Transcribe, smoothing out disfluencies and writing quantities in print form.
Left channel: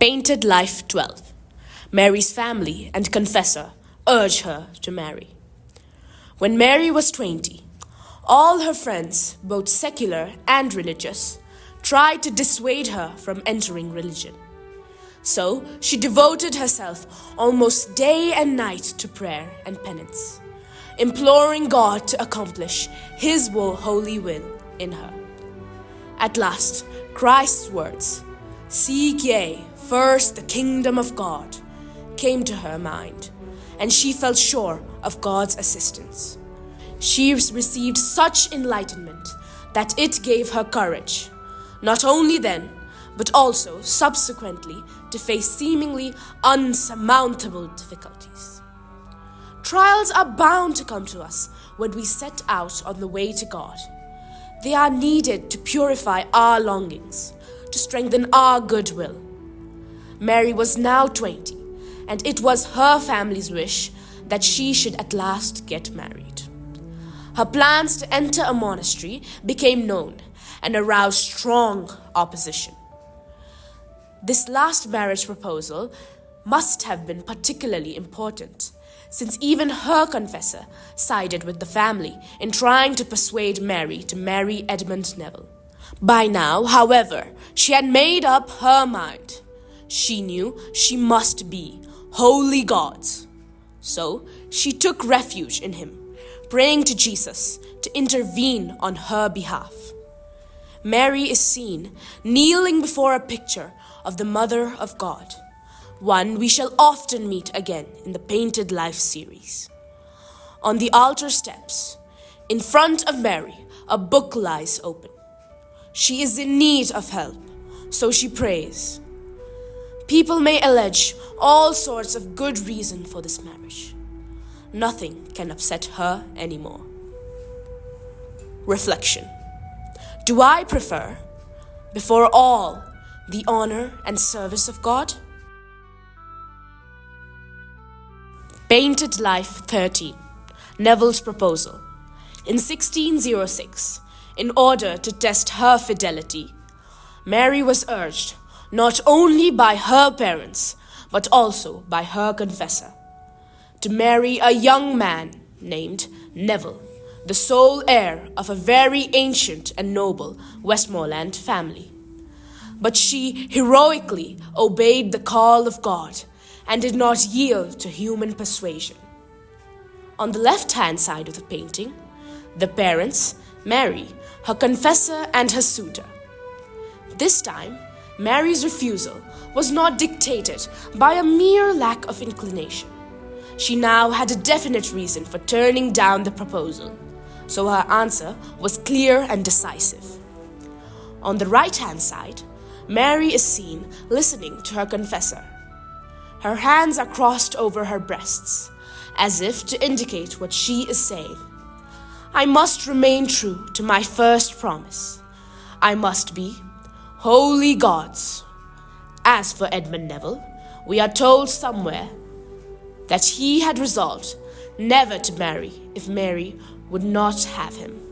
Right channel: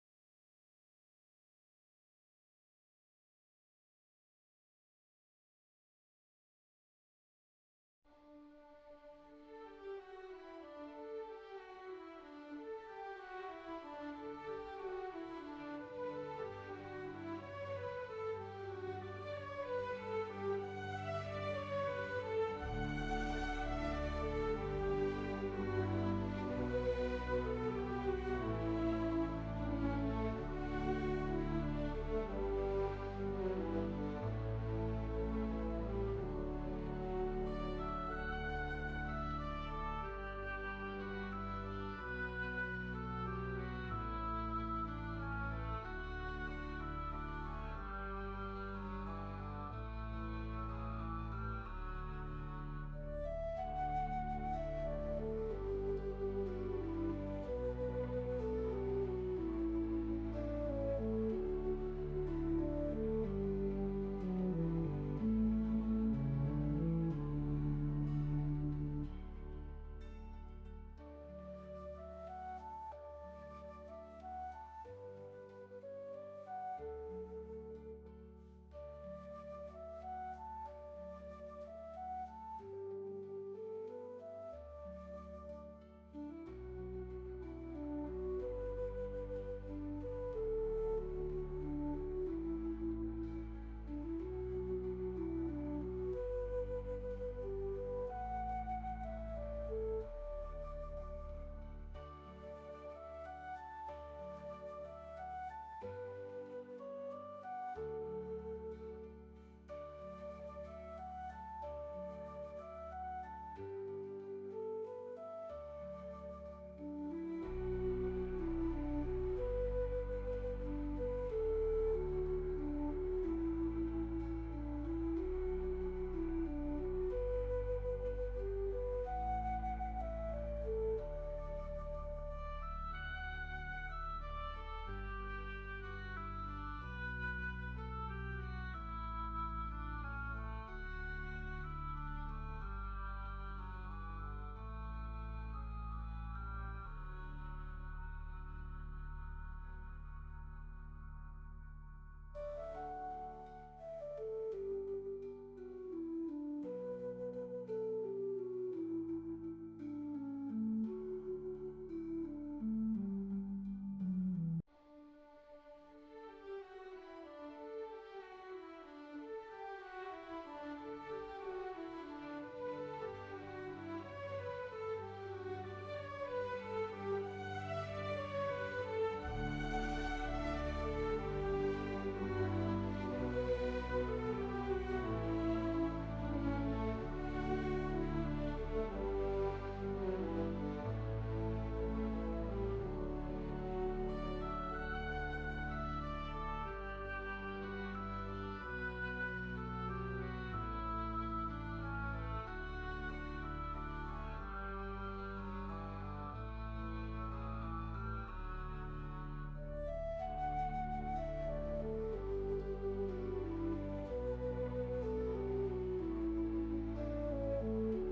Painted Life 12. Mary's family and confessor urge her to marry. When Mary was 20, all her friends, both secular and religious, tried to dissuade her from entering religion. So she devoted herself almost day and night to prayer and penance, imploring God to accomplish His holy will in her. At last, Christ's words, "Seek ye first the kingdom of God," came to her mind, and she felt sure of God's assistance. She received such enlightenment that it gave her courage, not only then, but also subsequently, to face seemingly unsurmountable difficulties. Trials are bound to come to us when we set out on the way to God. They are needed to purify our longings, to strengthen our goodwill. Mary was now 20, and it was her family's wish that she should at last get married. Her plans to enter a monastery became known and aroused strong opposition. This last marriage proposal must have been particularly important, since even her confessor sided with the family in trying to persuade Mary to marry Edmund Neville. By now, however, she had made up her mind. She knew she must be wholly God's. So she took refuge in Him, praying to Jesus to intervene on her behalf. Mary is seen kneeling before a picture of the Mother of God, one we shall often meet again in the Painted Life series. On the altar steps, in front of Mary, a book lies open. She is in need of help, so she prays. People may allege all sorts of good reason for this marriage. Nothing can upset her anymore. Reflection. Do I prefer, before all, the honor and service of God? Painted Life 13. Neville's proposal. In 1606, in order to test her fidelity, Mary was urged not only by her parents, but also by her confessor, to marry a young man named Neville, the sole heir of a very ancient and noble Westmoreland family. But she heroically obeyed the call of God and did not yield to human persuasion. On the left-hand side of the painting, the parents, Mary, her confessor, and her suitor. This time, Mary's refusal was not dictated by a mere lack of inclination. She now had a definite reason for turning down the proposal, so her answer was clear and decisive. On the right-hand side, Mary is seen listening to her confessor. Her hands are crossed over her breasts, as if to indicate what she is saying. I must remain true to my first promise. I must be wholly God's. As for Edmund Neville, we are told somewhere that he had resolved never to marry if Mary would not have him.